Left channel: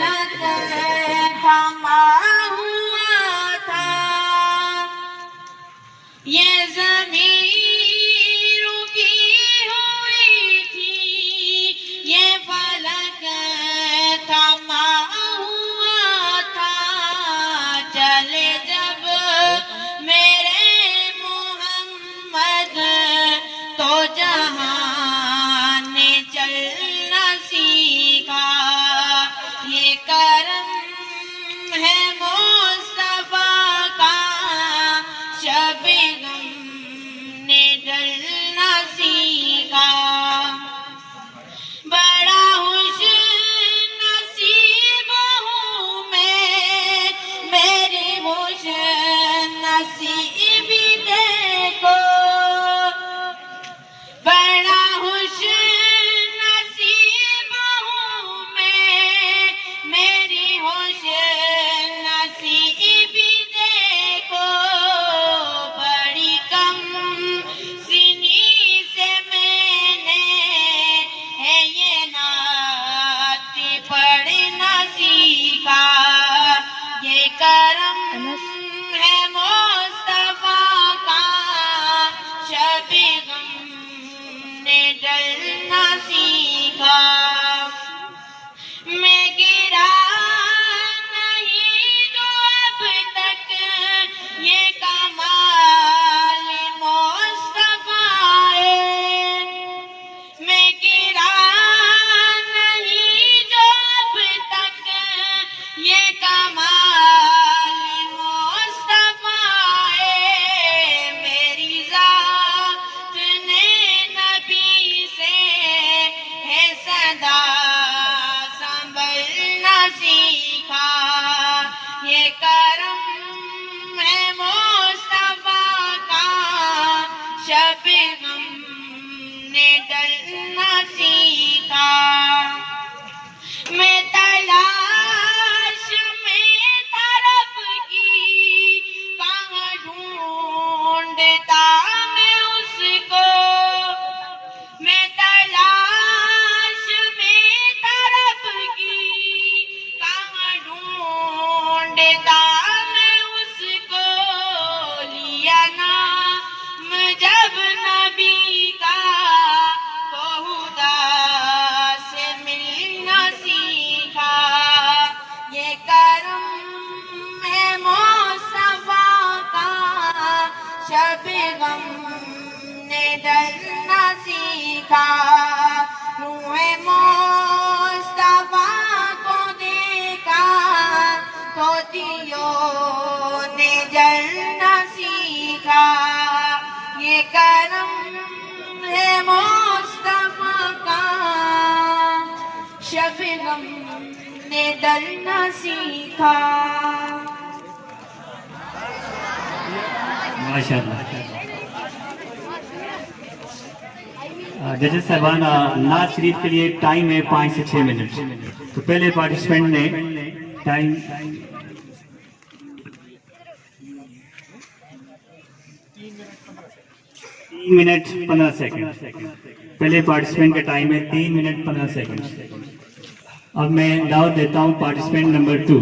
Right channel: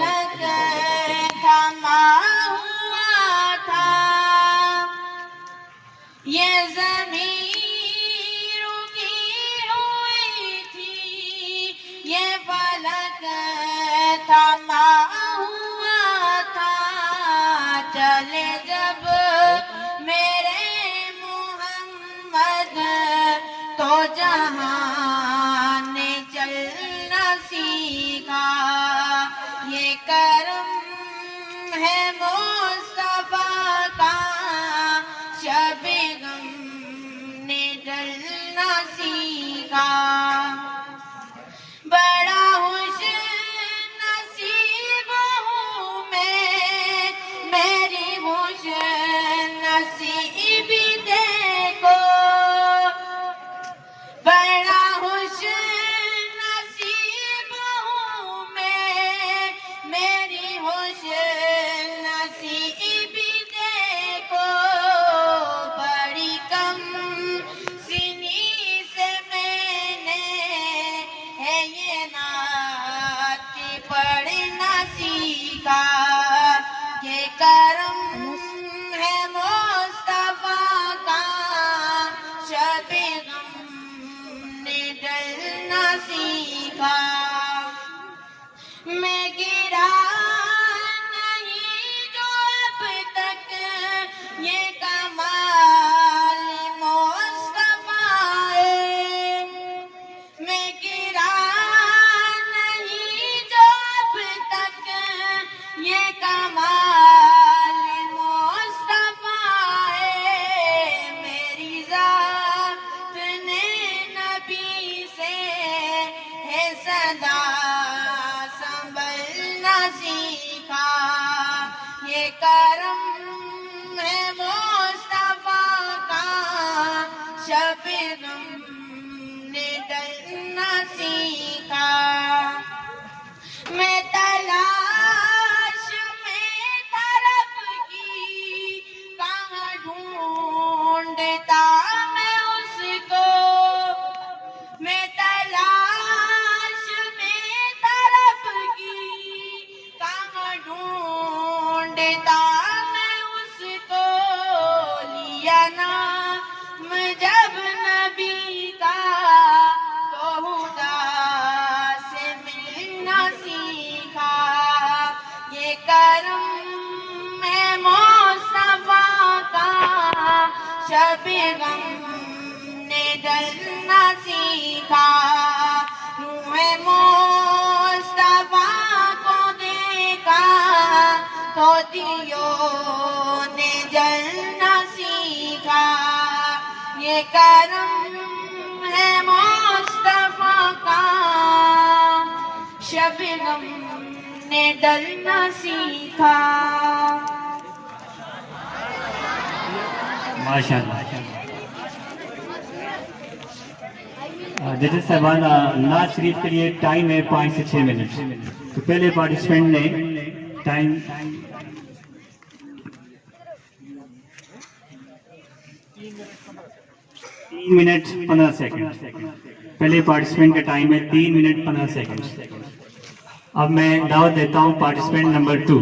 فلک تھما ہوا تھا، یہ زمین رکی ہوئی تھی، یہ فلک تھما ہوا تھا، چلے جب میرے محمد تو جہان نے چلنا سیکھا، یہ کرم ہے مصطفیٰ کا، شب غم نے ڈلنا سیکھا، بڑا خوش نصیب ہوں میں، میری خوش نصیبی دیکھو، بڑا خوش نصیب ہوں میں، میری خوش نصیبی دیکھو، بڑی کم سنی سے میں نے ہے یہ نعت پڑھنا سیکھا، یہ کرم ہے مصطفیٰ کا، شب غم نے ڈلنا سیکھا، میں گرا نہیں جو اب تک یہ کمال مصطفیٰ ہے، میں گرا نہیں جو اب تک یہ کمال مصطفیٰ ہے، میری ذات نے نبی سے ہے صدا سنبھلنا سیکھا، یہ کرم ہے مصطفیٰ کا، شب غم نے ڈلنا سیکھا، میں تلاش میں تھا رب کی، کہاں ڈھونڈتا میں اس کو، میں تلاش میں تھا رب کی، کہاں ڈھونڈتا میں اس کو، لیا نام جب نبی کا تو خدا سے ملنا سیکھا، یہ کرم ہے مصطفیٰ کا، شب غم نے ڈلنا سیکھا، روح مصطفیٰ کو دیکھا تو دیوں نے جلنا سیکھا، یہ کرم ہے مصطفیٰ کا، شب غم نے ڈلنا سیکھا۔ ماشاءاللہ۔ ججز صاحبان، نعت شریف کے لیے ٹائم ہے 5 سے 6 منٹ، تو پہلے پارٹیسپینٹ نے ٹائم 3 منٹ 15 سیکنڈ، پہلے پارٹیسپینٹ کا ٹائم ہے 3 منٹ 15 سیکنڈ۔ اب میں دعوت دیتا ہوں پارٹیسپینٹ نمبر 2۔